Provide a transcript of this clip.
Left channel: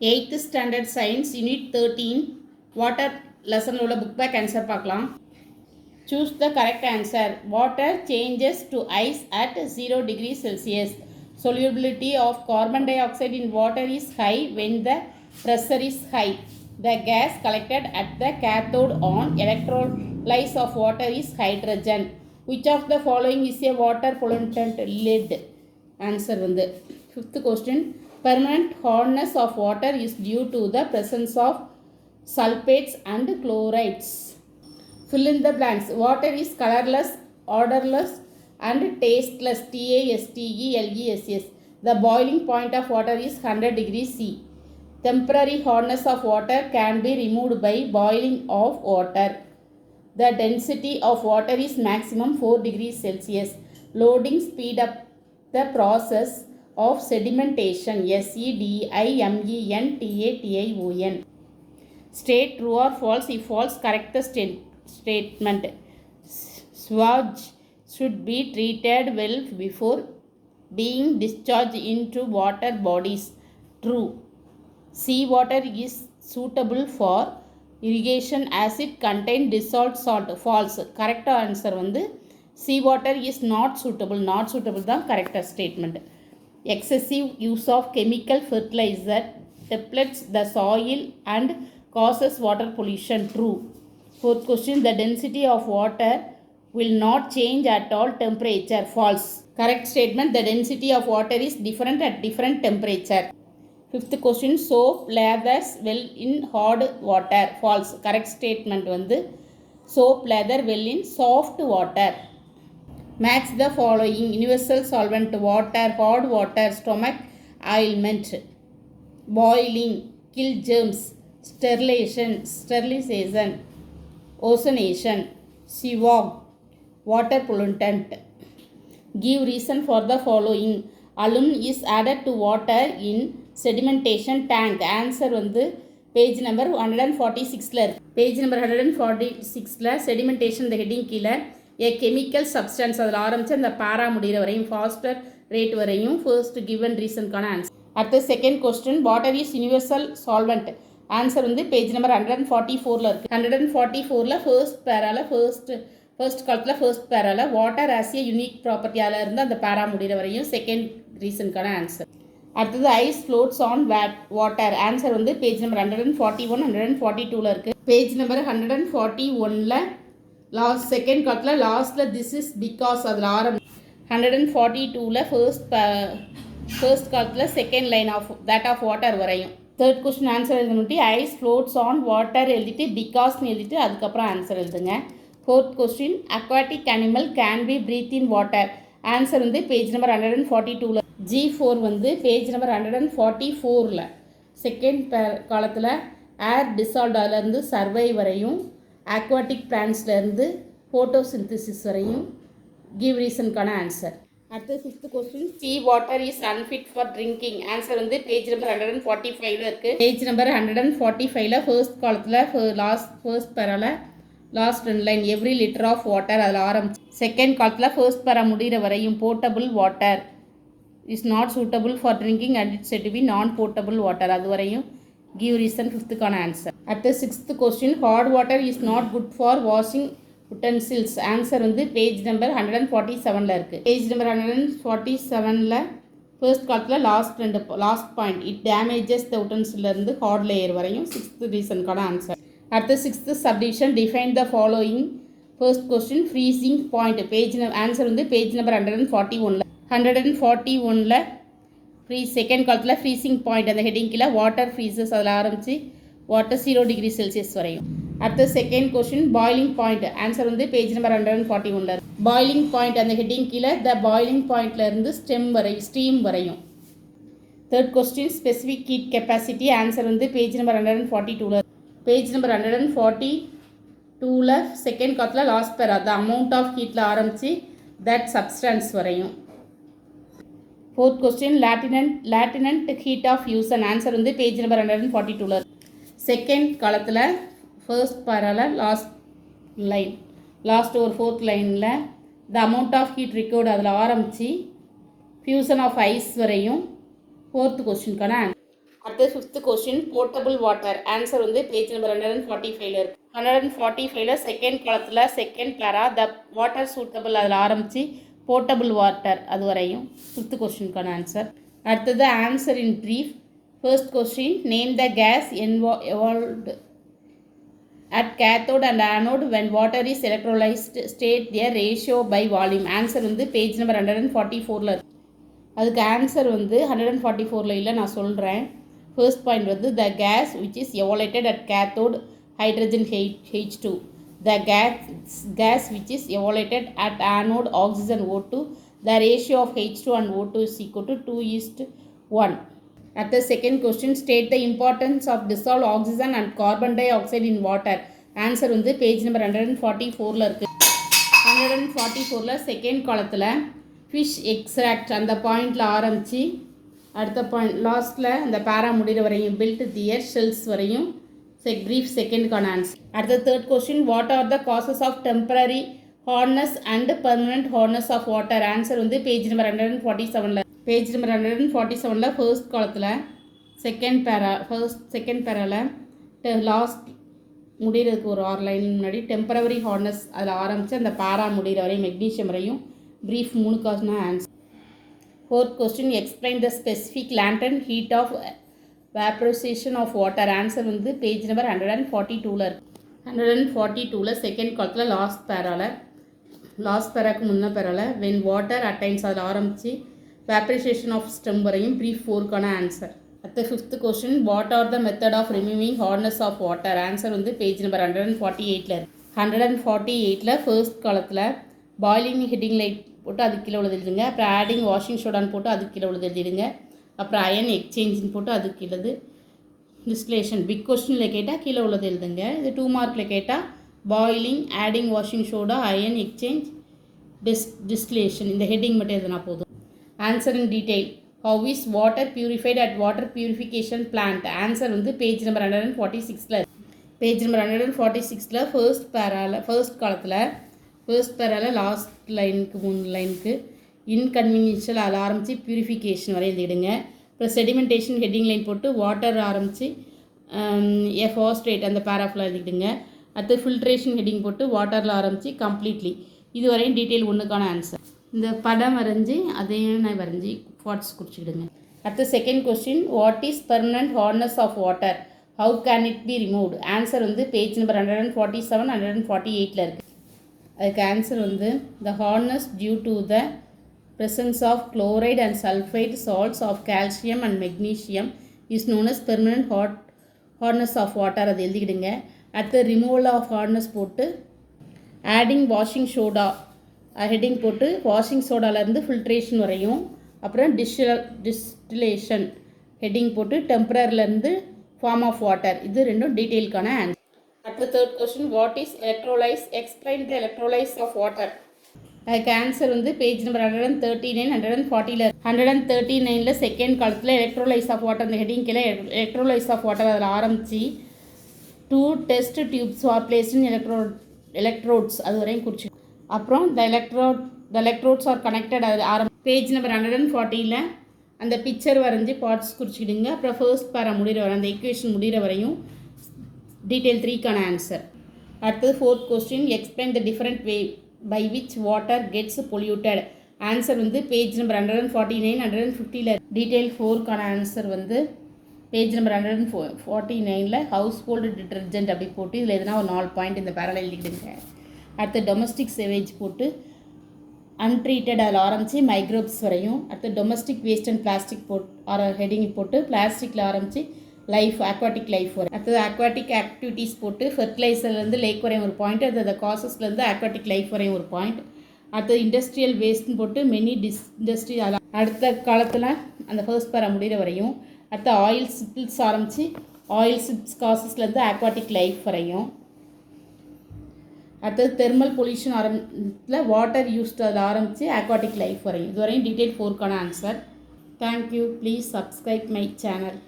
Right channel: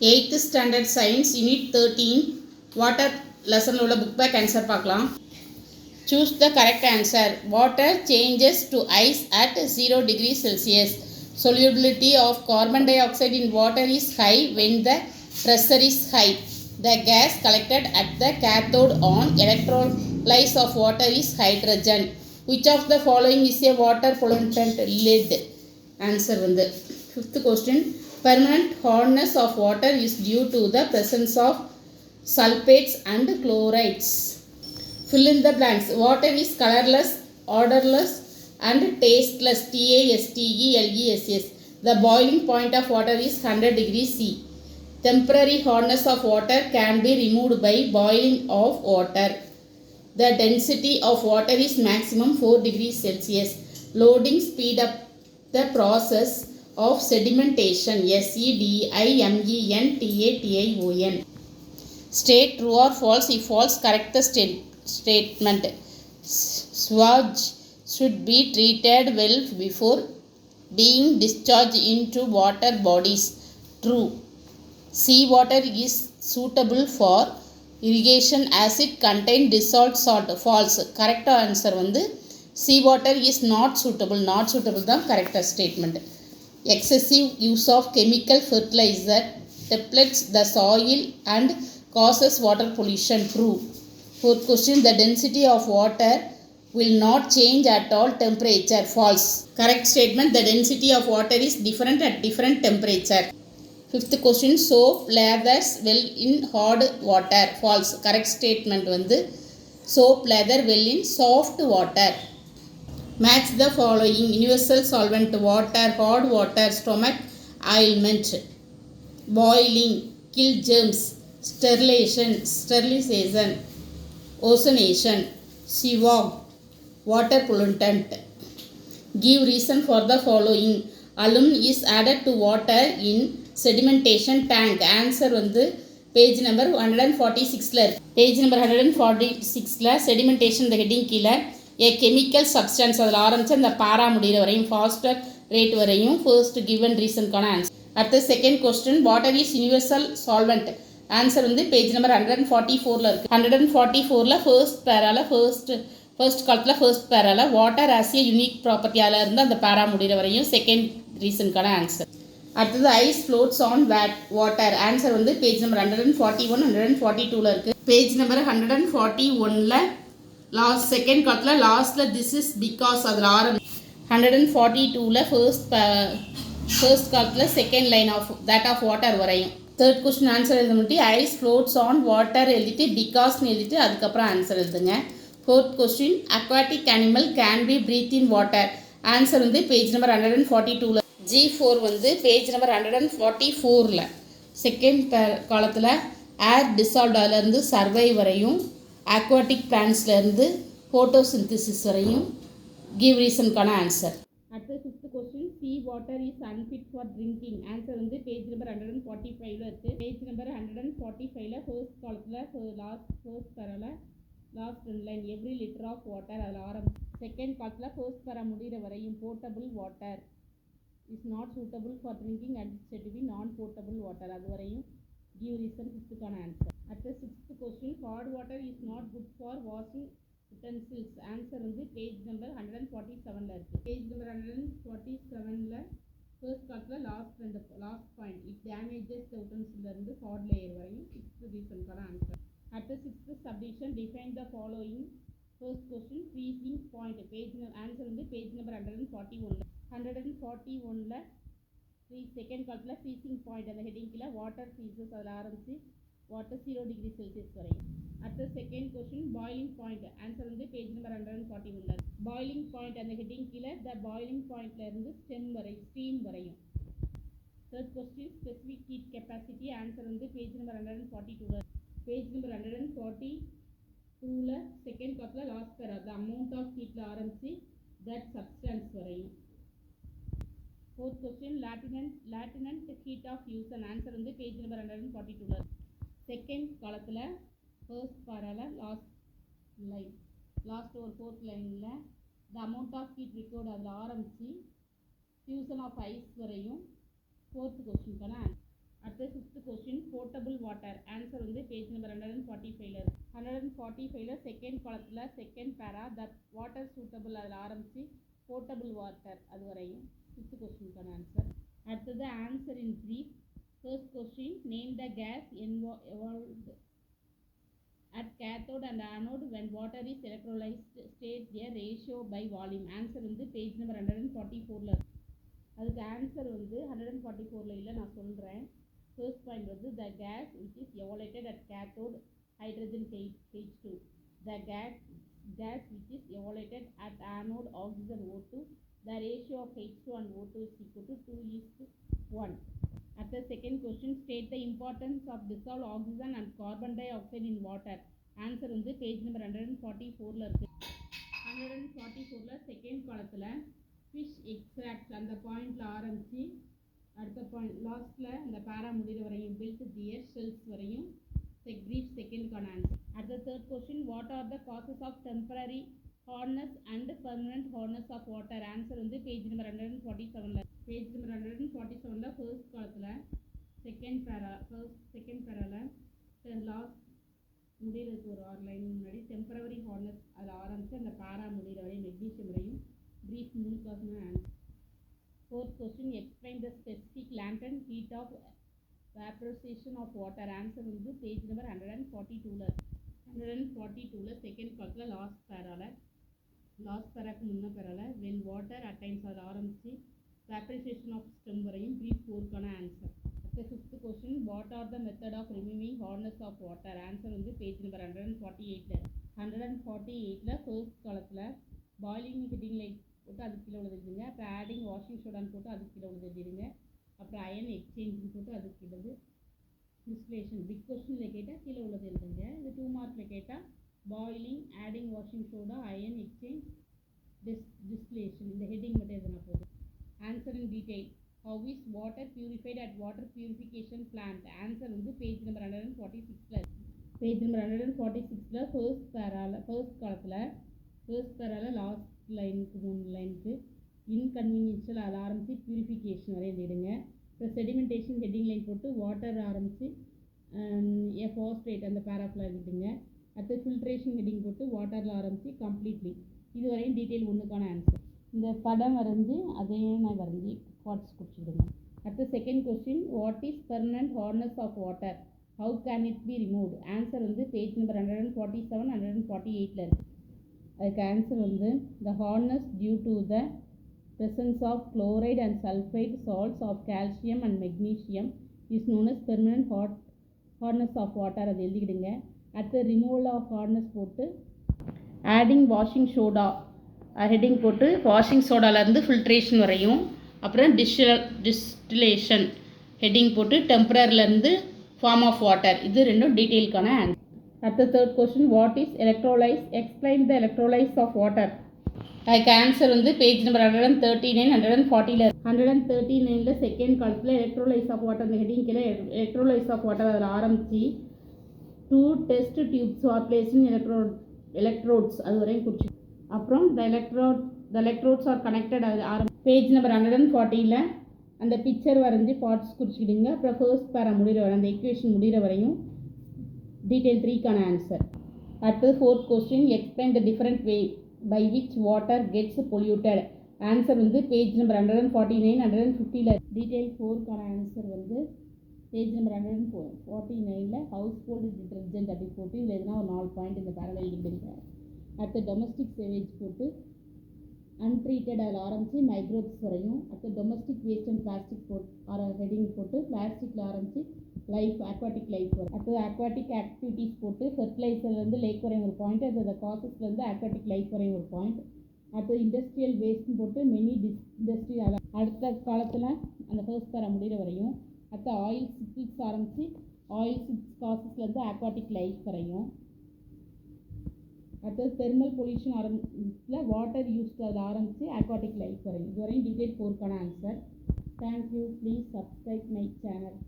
8th standard science unit 13 water lesson உள்ள book back answer பார்க்கலாம். Choose the correct answer. Water changes to ice at 0 degrees Celsius. Solubility of carbon dioxide in water is high when the pressure is high. The gas collected at the cathode on electrolysis of water is hydrogen. Which of the following is a water pollutant? Lead. Answer வந்து 5th question. Permanent hardness of water is due to the presence of sulfates and chlorides. Fill in the blanks. Water is colorless, odorless and tasteless. TASTELESS. The boiling point of water is 100 degrees C. Temporary hardness of water can be removed by boiling of water. The density of water is maximum 4 degrees Celsius. Loading speed up the process of sedimentation. SEDIMENTATION. State true or false. If false, correct the statement. Sewage should be treated well before being discharged into water bodies. True. Seawater is suitable for irrigation as it contains dissolved salt. False. Correct answer வந்து seawater is not suitable. Not suitable தான் correct statement. Excessive use of chemical fertilizer depletes the soil and causes water pollution. True. 4th question. The density of water will not change at all temperature. False. Correct statement. The density of water is different at different temperature. 5th question. Soap lathers well in hard water. False. Correct statement வந்து soap lather well in soft water. Match the following. Universal solvent: water, hard water, stomach ailment, boiling, kill germs, sterilization, ozonation, sewage, water pollutant. Give reason for the following. Alum is added to water in sedimentation tank. Answer வந்து page number 146ல இருக்கு. Page number 146ல sedimentation இந்த heading கீழே a chemical substance அதில் ஆரம்பித்து அந்த para முடிகிற வரையும் faster rate வரையும் ஃபர்ஸ்ட் கிவன் ரீசனுக்கான ஆன்சர். அடுத்த second question. Water is universal solvent. Answer வந்து பேஜ் நம்பர் 144ல் இருக்குது. 144ல் ஃபர்ஸ்ட் பேரால ஃபர்ஸ்ட் காலத்தில் ஃபர்ஸ்ட் பேரால வாட்டர் ஆஸ் ஏ யூனிக் ப்ராப்பர்ட்டியால் இருந்து அந்த பேரா முடிகிற வரையும் செகண்ட் ரீசனுக்கான ஆன்சர். அடுத்தது ice floats on water. Answer வந்து பேஜ் நம்பர் 141 142ல் இருக்குது. பேஜ் நம்பர் 141ல் லாஸ்ட் செகண்ட் காலத்தில் லாஸ்ட்டில் திஸ் இஸ் பிகாஸ் அதில் ஆரம்பி 142ல் ஃபர்ஸ்ட் காலத்தில் second line of that of water வரையும். தேர்ட் கொஸ்டின் ஆன்சர் எழுத முன்னாடி ஐஸ் ஃப்ளோட்ஸ் ஆன் வாட்டர் எழுதிட்டு பிகாஸ்னு எழுதிட்டு அதுக்கப்புறம் ஆன்சர் எழுதுங்க. Fourth question. Aquatic animal can be breathe in water. Answer வந்து பேஜ் நம்பர் 142ல். G4 வந்து பேஜ் நம்பர் 144ல் செகண்ட் காலத்தில் ஏர் டிசால்வ்ட் அதிலேருந்து சர்வை வரையும் aquatic பிளான்ஸ்லேருந்து ஃபோட்டோசிந்தசிஸ் வரையும் கிவ் ரீசனுக்கான ஆன்சர். அடுத்து 5th question. Sea water is unfit for drinking. Answer வந்து பேஜ் நம்பர் 145ல் இருக்குது. பேஜ் நம்பர் 145ல் ஃபர்ஸ்ட் காலத்தில் ஃபர்ஸ்ட் பேரால last 2 line every litre of water அதில் ஆரம்பிச்சு செகண்ட் காலத்தில் ஃபர்ஸ்ட் பேரா முடிகிற வரையும் portable water is not suitable for drinking and it's said to be non portable water அது வரையும் give reason. 5th answer. அடுத்த 6th question. Hot water is not good for washing utensils. Answer வந்து page number 147ல் இருக்குது. Page number 147ல் first காலத்தில் last point it damages the யுட்டென்சில்லேருந்து hard layer வரையும் 6th ரீசனுக்கான ஆன்சர். அடுத்த 6th subdivision. Define the following. First question. Freezing point. Answer வந்து பேஜ் நம்பர் 141ல் செகண்ட் காலத்தில் ஃப்ரீசிங் பாயிண்ட் அந்த ஹெட்டிங் கீழே வாட்டர் ஃப்ரீசஸ் அதில் ஆரம்பித்து வாட்டர் 0 டிகிரி செல்சியஸ் வரையும். அடுத்த second question. Boiling point. Answer வந்து பேஜ் நம்பர் 141ல். பாய்லிங் பாயிண்ட் அந்த ஹெட்டிங் கீழே த பாய்லிங் பாயிண்ட்லேருந்து ஸ்டீம் வரையும். Third question. Specific heat capacity. Answer வந்து பேஜ் நம்பர் 142ல். பேஜ் நம்பர் 142ல் செகண்ட் காலத்தில் last para the amount of ஹீட்டில் ஆரம்பித்து தட் சப்ஸ்டன்ஸ் வரையும். Fourth question. Latent heat of fusion. Answer வந்து பேஜ் நம்பர் 142ல். செகண்ட் காலத்தில் ஃபர்ஸ்ட் பேரால லாஸ்ட் ஒரு ஃபோர்த் லைனில் the amount of heat recovered அதில் ஆரம்பித்து ஃபியூசன் ஆஃப் ஐஸ் வரையும் ஃபோர்த் கொஸ்டினுக்கான அடுத்து fifth question portable water answer வந்து பேஜ் நம்பர் 145 இருக்கு. 145 செகண்ட் காலத்தில் செகண்ட் பேரா த வாட்டர் சூட்டபிள் அதில் ஆரம்பித்து போர்ட்டபிள் வாட்டர் அது வரையும் ஃபிஃப்த் கொஸ்டினுக்கான ஆன்சர். அடுத்தது answer in brief. First question name the gas evolved at cathode and anode when water is electrolyzed state their ratio by volume. Answer வந்து page number 144 இருக்கு. அதுக்கு answer வந்து 144 இல்லை, நான் சொல்கிறேன். ஃபர்ஸ்ட் பாயிண்ட் வந்து the gas which is evaluated at cathode hydrogen H2. The gas which is evaluated at anode oxygen O2. The ratio of H2 and O2 is equal to 2:1. At the second question, state the importance of dissolved oxygen and carbon dioxide in water. Answer வந்து page number 144 இருக்குது. 144 second காலத்தில் fish extract அந்த பாயிண்டில் ஆரம்பித்து அடுத்த point லாஸ்ட்டில் அந்த para முடிகிற வரையும் பில்ட் தியர் ஷெல்ஸ் வரையும் ப்ரீஃப் செகண்டுக்கான ஆன்சர். அடுத்த third question what are the causes of temporary hardness and permanent hardness of water. Answer வந்து page number 147 page number 147 first காலத்தில் செகண்ட் பேராவில் லாஸ்ட் முடிகிறதுக்கு ஒரு 6 லைன் முன்னாடி டெம்பரவரி ஹார்ட்னஸ் அதில் ஆரம்பித்து அந்த பேரா முடிகிற வரையும் மெக்னீஷியம் வரையும் brief 3 answer. Fourth question explain the specific latent heat of vaporisation of water. Answer வந்து பேஜ் நம்பர் 142 இருக்குது. 142 செகண்ட் காலத்தில் லாஸ்ட் பேராக்கு முன்ன பேராவில் வென் வாட்டர் அட்டைன்ஸ் அதில் ஆரம்பித்து வேப்பரைசேஷன் ஆஃப் ஸ்டெம் வரையும் ப்ரீஃப் 4க்கான ஆன்சர். அடுத்த fifth question what are the method of removing hardness of water. Answer வந்து பேஜ் நம்பர் 148 இருக்குது. 148 ஃபர்ஸ்ட் காலத்தில் பாய்லிங் ஹெட்டிங் லைட் போட்டு அது கீழே உள்ளது எழுதுங்க. அப்புறம் ஆடிங் வாஷிங் சோடான்னு போட்டு அதுக்கு கீழே உள்ளது எழுதிடுங்க. அப்புறம் அயன் எக்ஸ்சேஞ்சின்னு போட்டு அதுக்கு கீழது டிஸ்டிலேஷன். பிக் கொஸ்டினில் கேட்டால் கீழே உள்ளது எழுதுங்க. இது 2 மார்க்கில் கேட்டால் boiling adding washing soda ion exchange distillation இந்த ஹெட்டிங் மட்டும் எழுதுனா போதும். Answer in detail. How is water purified at water purification plant. Answer வந்து page number 146 page number 146 first காலத்தில் லாஸ்ட் லைனுக்கு 3 லைனுக்கு இன்கன்வீனியன்ஷியல் அதில் ஆரம்பித்து பியூரிஃபிகேஷன் வரை எழுதிடுங்க. அப்புறம் செடிமெண்டேஷன் ஹெட்டிங் லைன் போட்டு வாட்டர் ஆரம்பித்து ஃபாஸ்ட்ரேட் அந்த பேராஃபில் எழுதிடுங்க. அடுத்து ஃபில்ட்ரேஷன் ஹெட்டிங் போட்டு வாட்டரில் ஆரம்பித்து கம்ப்ளீட்லி இதுவரையும் டீட்டெயில் 1க்கான ஆன்சர். இந்த படம் வரைஞ்சி அதையும் நான் வரைஞ்சி ஃபாட்ஸ் குறிச்சிக்கிடுங்க. அடுத்த second question what is permanent hardness of water how can it be removed. Answer வந்து பேஜ் நம்பர் 147 148 இருக்குது. அதுக்கு ஆன்சர் வந்து the hardness due to the presence of chloride and sulfide salts of calcium and magnesium is known as permanent hardness of water. அது எழுதிக்கிடுங்க. அடுத்து removal of hardness போட்டு adding washing soda heading போட்டு washing சோடாலேருந்து filtration வரையும் அப்புறம் distillation heading போட்டு டெம்பரரிலேருந்து form of water இது ரெண்டும் டீட்டெயிலுக்கான ஆன்சர். அடுத்த third question what is electrolysis explain the electrolysis of water. அதுக்கு ஆன்சர் வந்து பேஜ் நம்பர் 139 140 139 செகண்ட் காலத்தில் எலக்ட்ரோலைஸ் ஆஃப் வாட்டர் அந்த ஹெட்டிங் கீழே எலக்ட்ரோலைஸ் ஆஃப் வாட்டர் அதில் ஆரம்பித்து 2 test tubes are placed in electrodes அது வரையும் குறிச்சு அப்புறம் த எலக்ட்ரோட்ஸ் ஆர் கனெக்டட் அது பேஜ் நம்பர் 140 அந்த பிக்சர் வரைஞ்சி பார்ட்ஸ் குறிச்சிக்கிடுங்க. அப்புறம் ஃபர்ஸ்ட் பேரா முடிகிற வரை அந்த ஈக்குவேஷன் முடிகிற வரையும் டீட்டெயில் 3க்கான ஆன்சர். அடுத்தது fourth question explain the different way by which water gets polluted. Answer வந்து பேஜ் நம்பர் 149 150 டீட்டெயில் 4க்கான ஆன்சர் வந்து page number 149 house hold detergent அப்படி போட்டு இதில் எதுனா ஒரு 4 பாயிண்ட் இந்த பேரல் எழுதிக்கிடுங்க. அடுத்து டொமஸ்டிக் சேவேஜ் போட்டு அன்ட்ரீட்டட் அதில் ஆரம்பித்து மைக்ரோப்ஸ் வரையும். அடுத்து domestic waste and plastic heading போட்டு பிளாஸ்டிக்கில் ஆரம்பித்து லைஃப் அக்வாட்டிக் லைஃப் வரும். அடுத்தது அக்வாட்டிக் ஆக்டிவிட்டீஸ் போட்டு ஃபெர்டிலைசர்லேருந்து லேக் வரையும் ஒரு பாயிண்ட். அடுத்தது காசஸ்லேருந்து அக்வாட்டிக் லைஃப் வரையும் ஒரு பாயிண்ட். அடுத்தது இண்டஸ்ட்ரியல் வேஸ்ட்னு போட்டு மெனி இண்டஸ்ட்ரி அடுத்த காலத்தில் அந்த ஃபர்ஸ்ட் பேரா முடிகிற வரையும். அடுத்த ஆயில் சிப்ஸ் ஆரம்பித்து ஆயில் சிப்ஸ் காசஸ்லேருந்து அக்வாட்டிக் லைஃப் வரையும். அடுத்தது தெர்மல் பொல்யூஷன் வாட்டர் யூஸ்ட் அதில் ஆரம்பித்து அக்வாட்டிக் லைஃப் வரையும். இதுவரையும் டீட்டெயில் 4க்கான answer. Thank you. Please subscribe my channel.